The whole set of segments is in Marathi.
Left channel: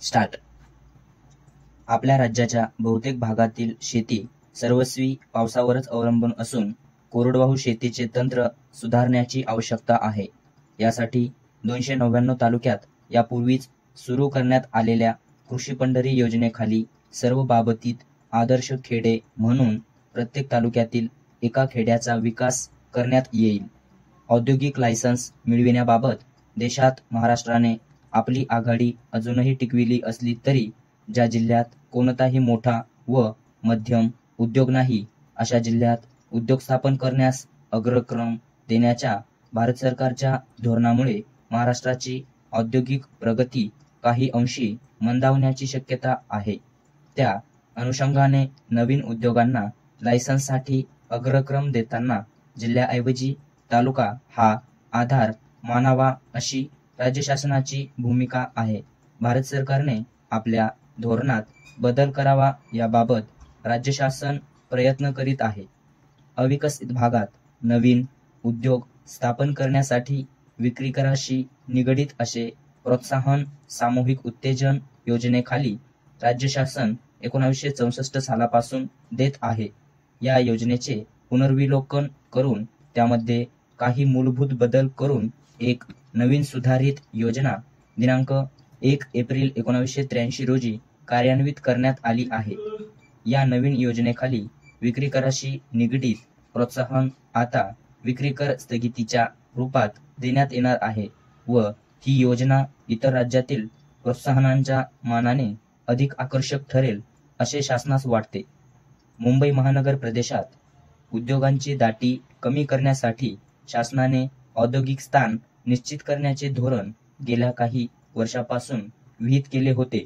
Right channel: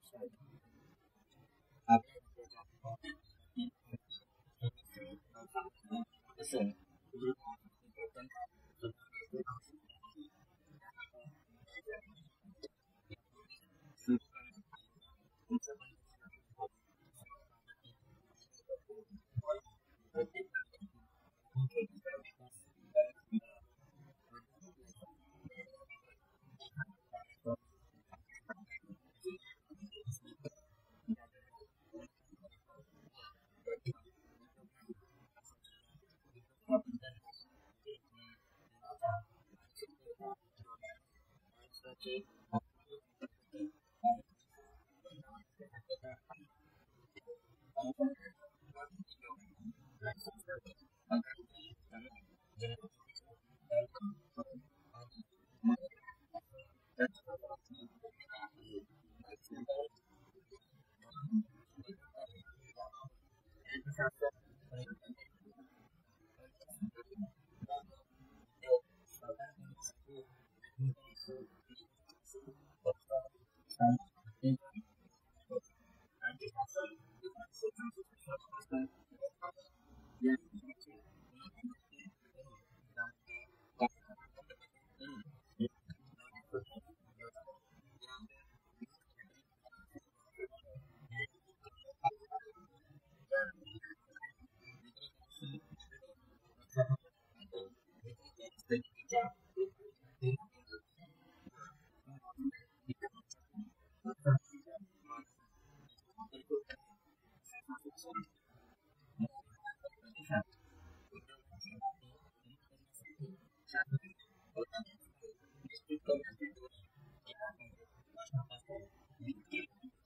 स्टार्ट. आपल्या राज्याच्या बहुतेक भागातील शेती सर्वस्वी पावसावरच अवलंबून असून कोरडवाहू शेतीचे तंत्र सुधारण्याची आवश्यकता आहे. यासाठी 299 तालुक्यात यापूर्वीच सुरू करण्यात आलेल्या कृषी पंढरी योजनेखाली सर्व बाबतीत आदर्श खेडे म्हणून प्रत्येक तालुक्यातील एका खेड्याचा विकास करण्यात येईल. औद्योगिक लायसन्स मिळविण्याबाबत देशात महाराष्ट्राने आपली आघाडी अजूनही टिकविली असली तरी ज्या जिल्ह्यात कोणताही मोठा व मध्यम उद्योग नाही अशा जिल्ह्यात उद्योग स्थापन करण्यास अग्रक्रम देण्याच्या भारत सरकारच्या धोरणामुळे महाराष्ट्राची औद्योगिक प्रगती काही अंशी मंदावण्याची शक्यता आहे. त्या अनुषंगाने नवीन उद्योगांना लायसन्ससाठी अग्रक्रम देताना जिल्ह्याऐवजी तालुका हा आधार मानावा अशी राज्य शासनाची भूमिका आहे. भारत सरकारने आपल्या धोरणात बदल करावा याबाबत राज्य शासन प्रयत्न करीत आहे. अविकसित भागात नवीन उद्योग स्थापन करण्यासाठी विक्री कराशी निगडित असे प्रोत्साहन सामूहिक उत्तेजन योजनेखाली राज्य शासन 1964 सालापासून देत आहे. या योजनेचे पुनर्विलोकन करून त्यामध्ये काही मूलभूत बदल करून एक नवीन सुधारित योजना दिनांक 1 एप्रिल 1983 रोजी कार्यान्वित करण्यात आली आहे. या नवीन योजनेखाली विक्री कराशी निगडित प्रोत्साहन आता विक्री कर स्थगितीच्या रूपात देण्यात येणार आहे व ही योजना इतर राज्यातील प्रोत्साहनांच्या मानाने अधिक आकर्षक ठरेल असे शासनास वाटते. मुंबई महानगर प्रदेशात उद्योगांची दाटी कमी करण्यासाठी शासनाने औद्योगिक स्थान निश्चित करण्याचे धोरण गेल्या काही वर्षापासून विहित केले होते,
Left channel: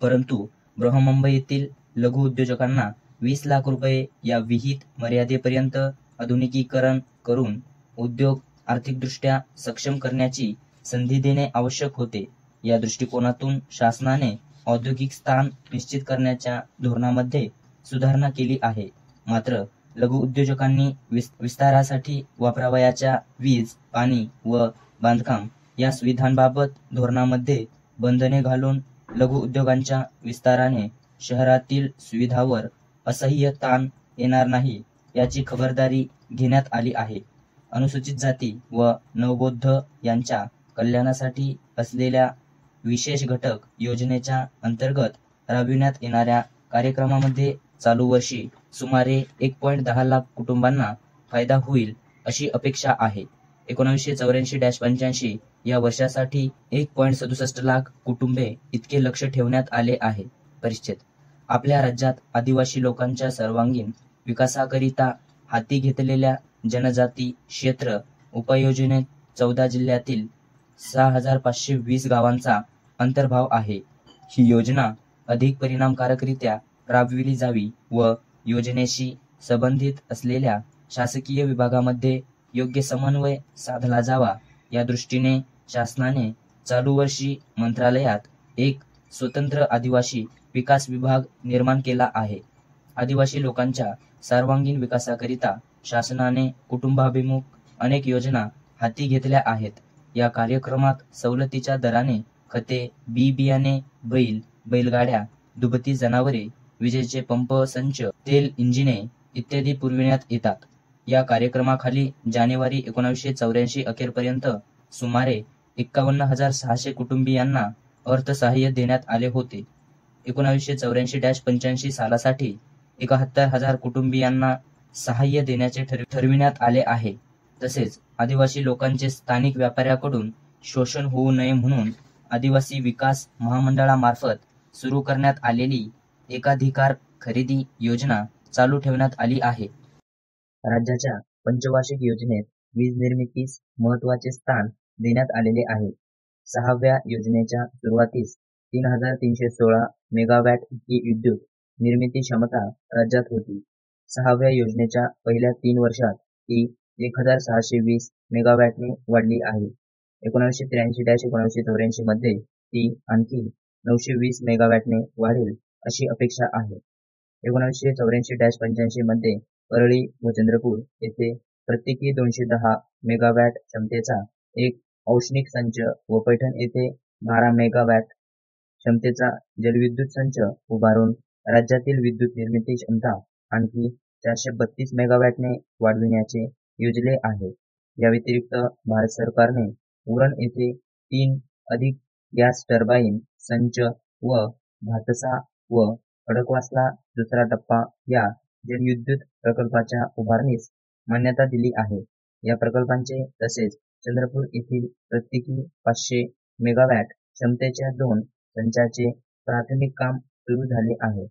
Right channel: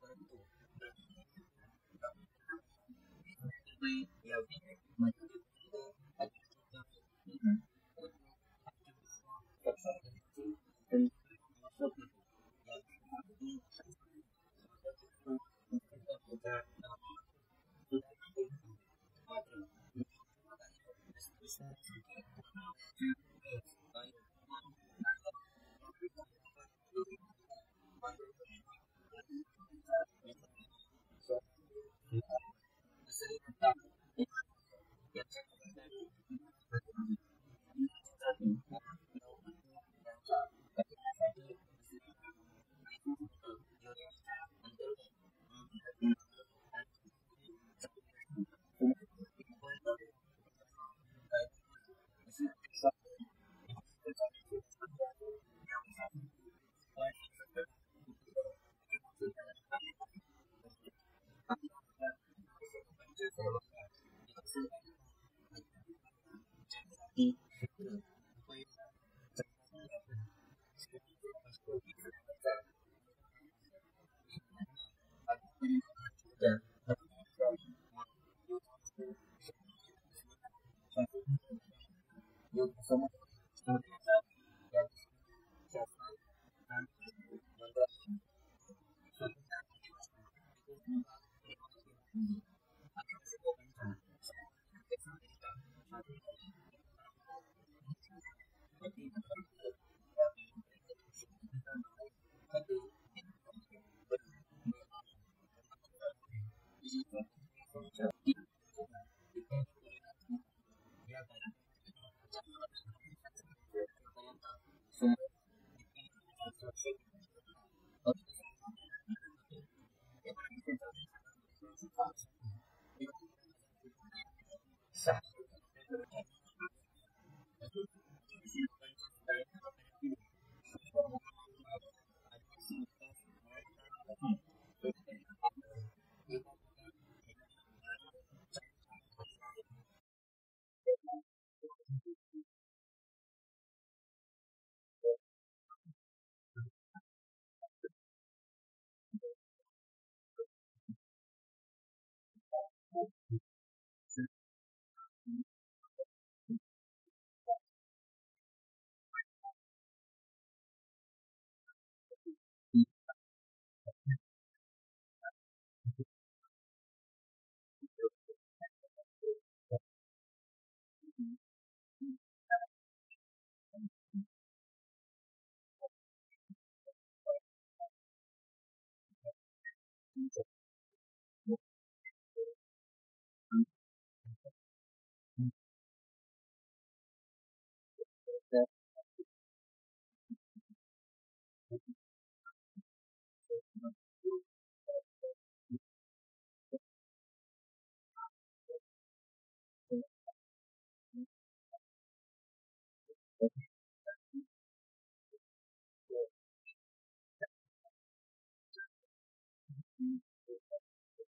परंतु बृहन्मुंबईतील लघु उद्योजकांना 20 लाख रुपये या विहित मर्यादेपर्यंत आधुनिकीकरण करून उद्योग आर्थिकदृष्ट्या सक्षम करण्याची संधी देणे आवश्यक होते. या दृष्टिकोनातून शासनाने औद्योगिक स्थान निश्चित करण्याच्या धोरणामध्ये सुधारणा केली आहे. मात्र लघु उद्योजकांनी विस्तारासाठी वापरावयाच्या वीज, पाणी व बांधकाम या सुविधांबाबत धोरणामध्ये बंधने घालून लघु उद्योगांच्या विस्ताराने शहरातील सुविधांवर असह्य ताण येणार नाही याची खबरदारी घेण्यात आली आहे. अनुसूचित जाती व नवबौद्ध यांच्या कल्याणासाठी असलेल्या विशेष घटक योजनेच्या अंतर्गत राबविण्यात येणाऱ्या कार्यक्रमामध्ये चालू वर्षी सुमारे 1.10 लाख कुटुंबांना फायदा होईल अशी अपेक्षा आहे. 1984-85 या वर्षासाठी 1.67 लाख कुटुंबे इतके लक्ष ठेवण्यात आले आहे. परिच्छेद. आपल्या राज्यात आदिवासी लोकांच्या सर्वांगीण विकासाकरिता हाती घेतलेल्या जनजाती क्षेत्र उपयोजनेत 14 जिल्ह्यातील 6,520 गावांचा अंतर्भाव आहे. ही योजना अधिक परिणामकारकरित्या राबविली जावी व योजनेशी संबंधित असलेल्या शासकीय विभागामध्ये योग्य समन्वय साधला जावा या दृष्टीने शासनाने चालू वर्षी मंत्रालयात एक स्वतंत्र आदिवासी विकास विभाग निर्माण केला आहे. आदिवासी लोकांच्या सर्वांगीण विकासाकरिता शासनाने कुटुंबाभिमुख अनेक योजना हाती घेतल्या आहेत. या कार्यक्रमात सवलतीच्या दराने खते, बी बियाणे, बैलगाड्या, दुभती जनावरे, विजेचे पंप संच, तेल इंजिने इत्यादी पुरविण्यात येतात. या कार्यक्रमाखाली जानेवारी 1984 अखेरपर्यंत सुमारे 51,600 कुटुंबीयांना अर्थसहाय्य देण्यात आले होते. 1984-85 सालासाठी 71,000 कुटुंबीयांना सहाय्य देण्याचे ठरविण्यात आले आहे. तसेच आदिवासी लोकांचे स्थानिक व्यापाऱ्याकडून शोषण होऊ नये म्हणून आदिवासी विकास महामंडळामार्फत सुरू करण्यात आलेली एकाधिकार खरेदी योजना चालू ठेवण्यात आली आहे. राज्याच्या पंचवार्षिक योजनेत वीज निर्मितीस महत्त्वाचे स्थान देण्यात आलेले आहे. 6व्या योजनेच्या सुरुवातीस 3,316 मेगावॅट इतकी विद्युत निर्मिती क्षमता राज्यात होती. 6व्या योजनेच्या पहिल्या 3 वर्षात ती 1,620 मेगावॅटने वाढली आहे. 1983-1984 मध्ये ती आणखी 920 मेगावॅटने वाढेल अशी अपेक्षा आहे. 1984-85 मध्ये परळी व चंद्रपूर येथे प्रत्येकी 210 मेगावॅट क्षमतेचा एक औष्णिक संच व पैठण येथे 12 मेगावॅट क्षमतेचा जलविद्युत संच उभारून राज्यातील विद्युत निर्मिती क्षमता आणखी 432 मेगावॅटने वाढविण्याचे योजले आहे. या व्यतिरिक्त भारत सरकारने उरण येथे 3 अधिक गॅस टर्बाईन संच व भातसा व खडकवासला दुसरा टप्पा या जलविद्युत प्रकल्पाच्या उभारणीस मान्यता दिली आहे. या प्रकल्पांचे तसेच चंद्रपूर येथील प्रत्येकी 500 मेगावॅट क्षमतेच्या 2 संचाचे प्राथमिक काम सुरू झाले आहे.